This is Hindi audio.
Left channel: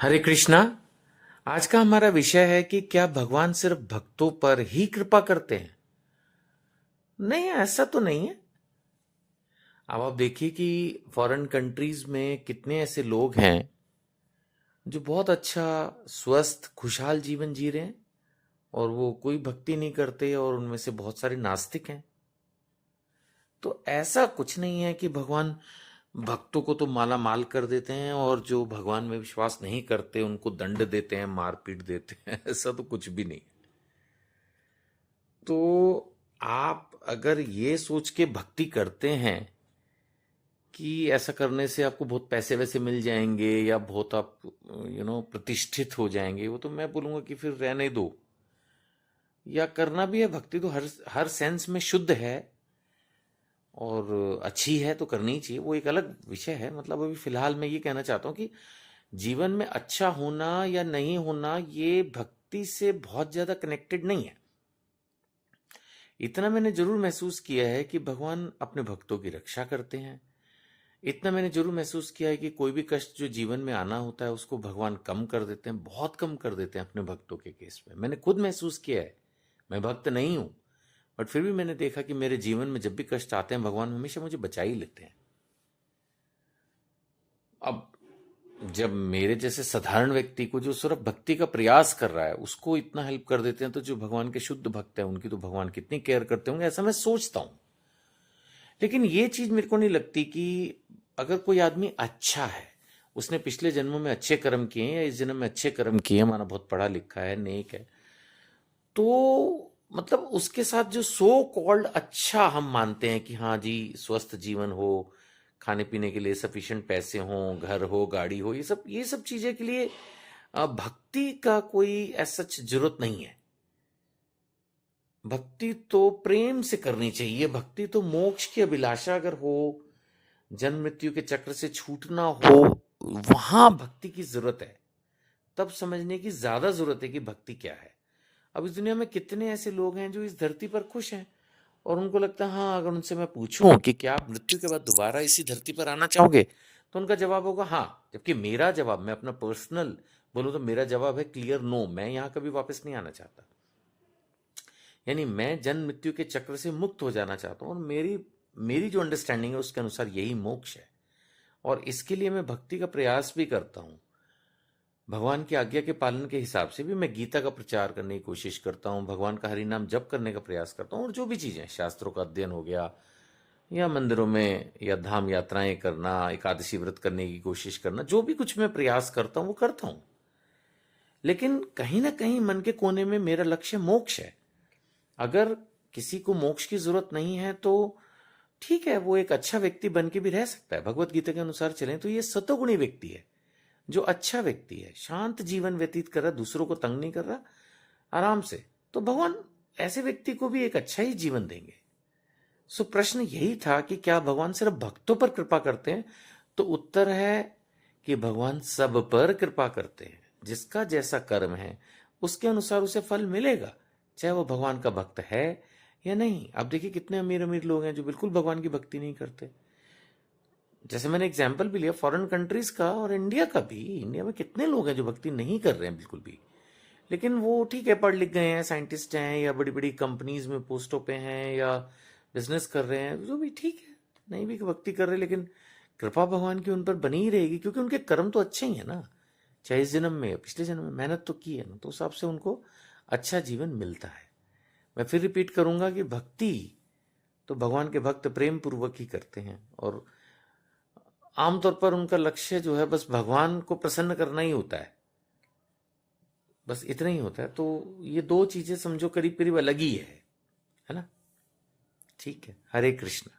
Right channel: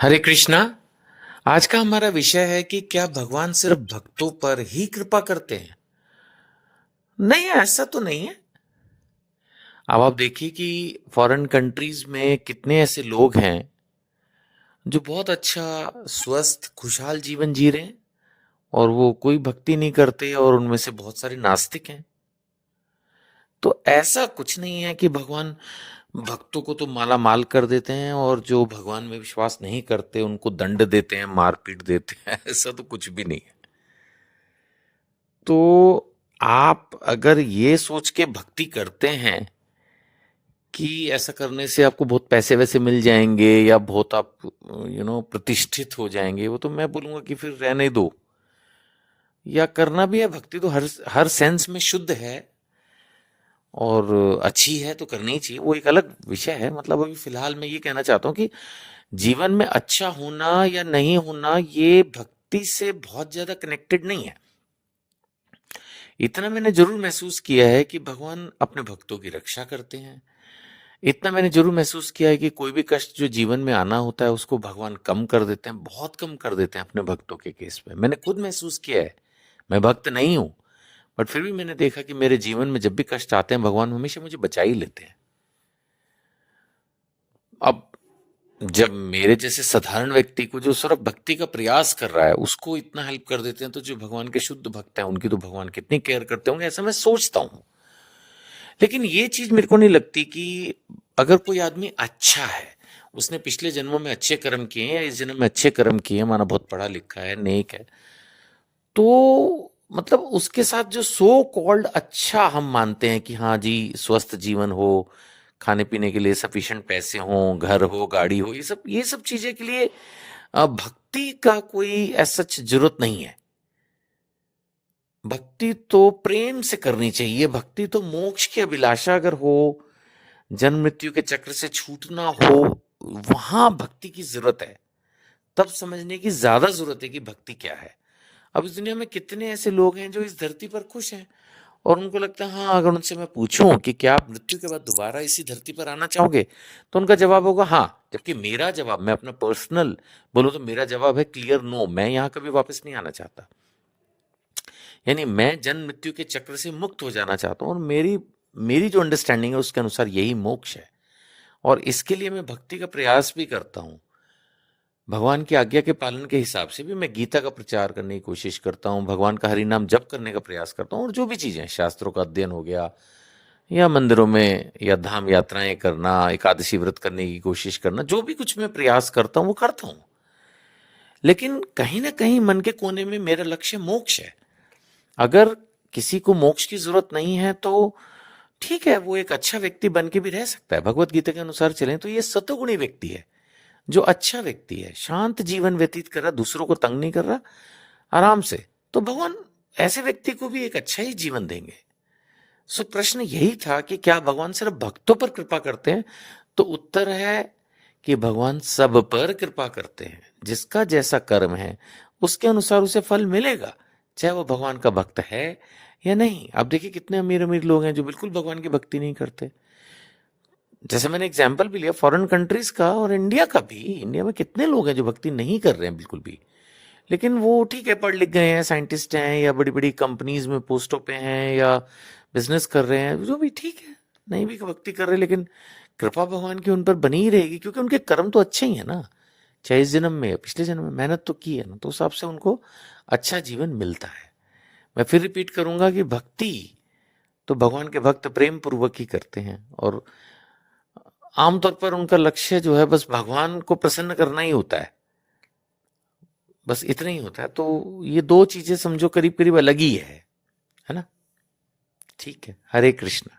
हरे कृष्णा। आज का हमारा विषय है कि क्या भगवान सिर्फ भक्तों पर ही कृपा करते हैं। नहीं, ऐसा तो नहीं है। अब आप देखिए कि फॉरेन कंट्रीज में कितने ऐसे लोग हैं जो बहुत अच्छा स्वस्थ खुशहाल जीवन जी रहे हैं और वो कोई भक्ति नहीं करते, और उनमें से बहुत सारे नास्तिक हैं। तो ऐसा कुछ नहीं है कि भगवान भक्तों को तो माला माल कर देते हैं और जो भगवान में विश्वास नहीं करते उनको दंड देते हैं, मारपीट देते हैं। ऐसा तो कुछ भी नहीं है। तो आप अगर ये सोच के भक्ति करते हैं कि ऐसा करने से आपको बहुत पैसे वैसे मिल जाएंगे या बहुत आप प्रतिष्ठित हो जाएंगे, वो तो मैं बोलूंगा कि फिर रहने दो। या करना भी है भक्ति तो हर हर सेंस में शुद्ध है और अच्छी है तो करनी ही चाहिए, वो एक अलग विषय है। मतलब अभी फिलहाल मैं ये कहना चाहता हूँ कि जीवन में अच्छा होना या नहीं होना ये भक्ति से बहुत ज्यादा कनेक्टेड नहीं है। इतना मैंने जरूर महसूस किया है कि भगवान अपने भक्तों की रक्षा करते हैं। इतना मैंने जरूर महसूस किया है कि कोई भी कष्ट जो जीवन में आना होता है उसको भगवान कम कर देते हैं, बहुत कम कर देते हैं अपने भक्तों के केस में। मैंने खुद महसूस किया है। मैं भक्त नहीं हूं, बट फिर भी मैंने देखा कि मेरे जीवन में जब भी कष्ट आते हैं भगवान हमेशा मुझे बचा ही लेते हैं। अब जब मेरे जैसे साधारण व्यक्ति को जो सिर्फ भक्ति का प्रयास कर रहा है उसको इतना हेल्प कर देते हैं, तो जो भगवान के शुद्ध भक्त हैं उनकी तो भगवान कितनी केयर करते होंगे, ऐसा मैं सोचता हूं। लेकिन ये चीज मेरे को नहीं लगती कि अगर कोई आदमी अच्छा है, उसने पिछले जन्मों में अच्छे कर्म किए हैं या इस जन्म में अच्छे कर्म किए हैं, माना बहुत पढ़ा लिखा है, नेक है, तो मतलब उसके साथ जो सो कॉल्ड अच्छा हम मानते हैं कि हाँ जी स्वस्थ जीवन हो, खाने पीने के लिए सफिशिएंट पैसे हों, घर हो, गाड़ी हो, ये सब चीजें के लिए भक्ति का कोई ऐसा जरूरत नहीं है। भक्ति तो प्रेम से करनी चाहिए। भक्ति तो मोक्ष की अभिलाषा अगर हो, जन्म मृत्यु के चक्र से छूटना हो, वहां भक्ति की जरूरत है। तब समझने की ज्यादा जरूरत है कि भक्ति क्या है। अब इस दुनिया में कितने ऐसे लोग हैं जो इस धरती पर खुश हैं और उनको लगता है हाँ, अगर उनसे मैं पूछूं कि क्या आप मृत्यु के बाद दोबारा इसी धरती पर आना चाहोगे, तो उनका जवाब होगा हाँ। जबकि मेरा जवाब, मैं अपना पर्सनल बोलूं तो मेरा जवाब है क्लियर नो, मैं यहाँ कभी वापस नहीं आना चाहता। यानी मैं जन्म मृत्यु के चक्र से मुक्त हो जाना चाहता हूँ, और मेरी मेरी जो अंडरस्टैंडिंग है उसके अनुसार यही मोक्ष है। और इसके लिए मैं भक्ति का प्रयास भी करता हूँ। भगवान की आज्ञा के पालन के हिसाब से भी मैं गीता का प्रचार करने की कोशिश करता हूँ, भगवान का हरि नाम जप करने का प्रयास करता हूँ, और जो भी चीजें शास्त्रों का अध्ययन हो गया या मंदिरों में या धाम यात्राएं करना, एकादशी व्रत करने की कोशिश करना, जो भी कुछ मैं प्रयास करता हूँ वो करता हूँ। लेकिन कहीं ना कहीं मन के कोने में मेरा लक्ष्य मोक्ष है। अगर किसी को मोक्ष की जरूरत नहीं है तो ठीक है, वो एक अच्छा व्यक्ति बन के भी रह सकता है। भगवत गीता के अनुसार चलें तो ये सतोगुणी व्यक्ति है, जो अच्छा व्यक्ति है, शांत जीवन व्यतीत कर रहा, दूसरों को तंग नहीं कर रहा, आराम से। तो भगवान ऐसे व्यक्ति को भी एक अच्छा ही जीवन देंगे। सो प्रश्न यही था कि क्या भगवान सिर्फ भक्तों पर कृपा करते हैं। तो उत्तर है कि भगवान सब पर कृपा करते हैं। जिसका जैसा कर्म है उसके अनुसार उसे फल मिलेगा, चाहे वो भगवान का भक्त है या नहीं। अब देखिए कितने अमीर अमीर लोग हैं जो बिल्कुल भगवान की भक्ति नहीं करते। जैसे मैंने एग्जाम्पल भी लिया फॉरेन कंट्रीज का और इंडिया का भी। इंडिया में कितने लोग हैं जो भक्ति नहीं कर रहे हैं बिल्कुल भी, लेकिन वो ठीक है, पढ़ लिख गए हैं, साइंटिस्ट हैं या बड़ी बड़ी कंपनीज में पोस्टों पे हैं या बिजनेस कर रहे हैं, जो भी ठीक है, नहीं भी भक्ति कर रहे, लेकिन कृपा भगवान की उन पर बनी ही रहेगी, क्योंकि उनके कर्म तो अच्छे ही है ना। चाहे इस जन्म में या पिछले जन्म में मेहनत तो की है ना, तो उस हिसाब से उनको अच्छा जीवन मिलता है। मैं फिर रिपीट करूंगा कि भक्ति तो भगवान के भक्त प्रेम पूर्वक ही करते हैं, और आमतौर पर उनका लक्ष्य जो है बस भगवान को प्रसन्न करना ही होता है। बस इतना ही होता है। तो ये दो चीजें समझो करीब करीब अलग ही है ना। ठीक है, हरे कृष्ण।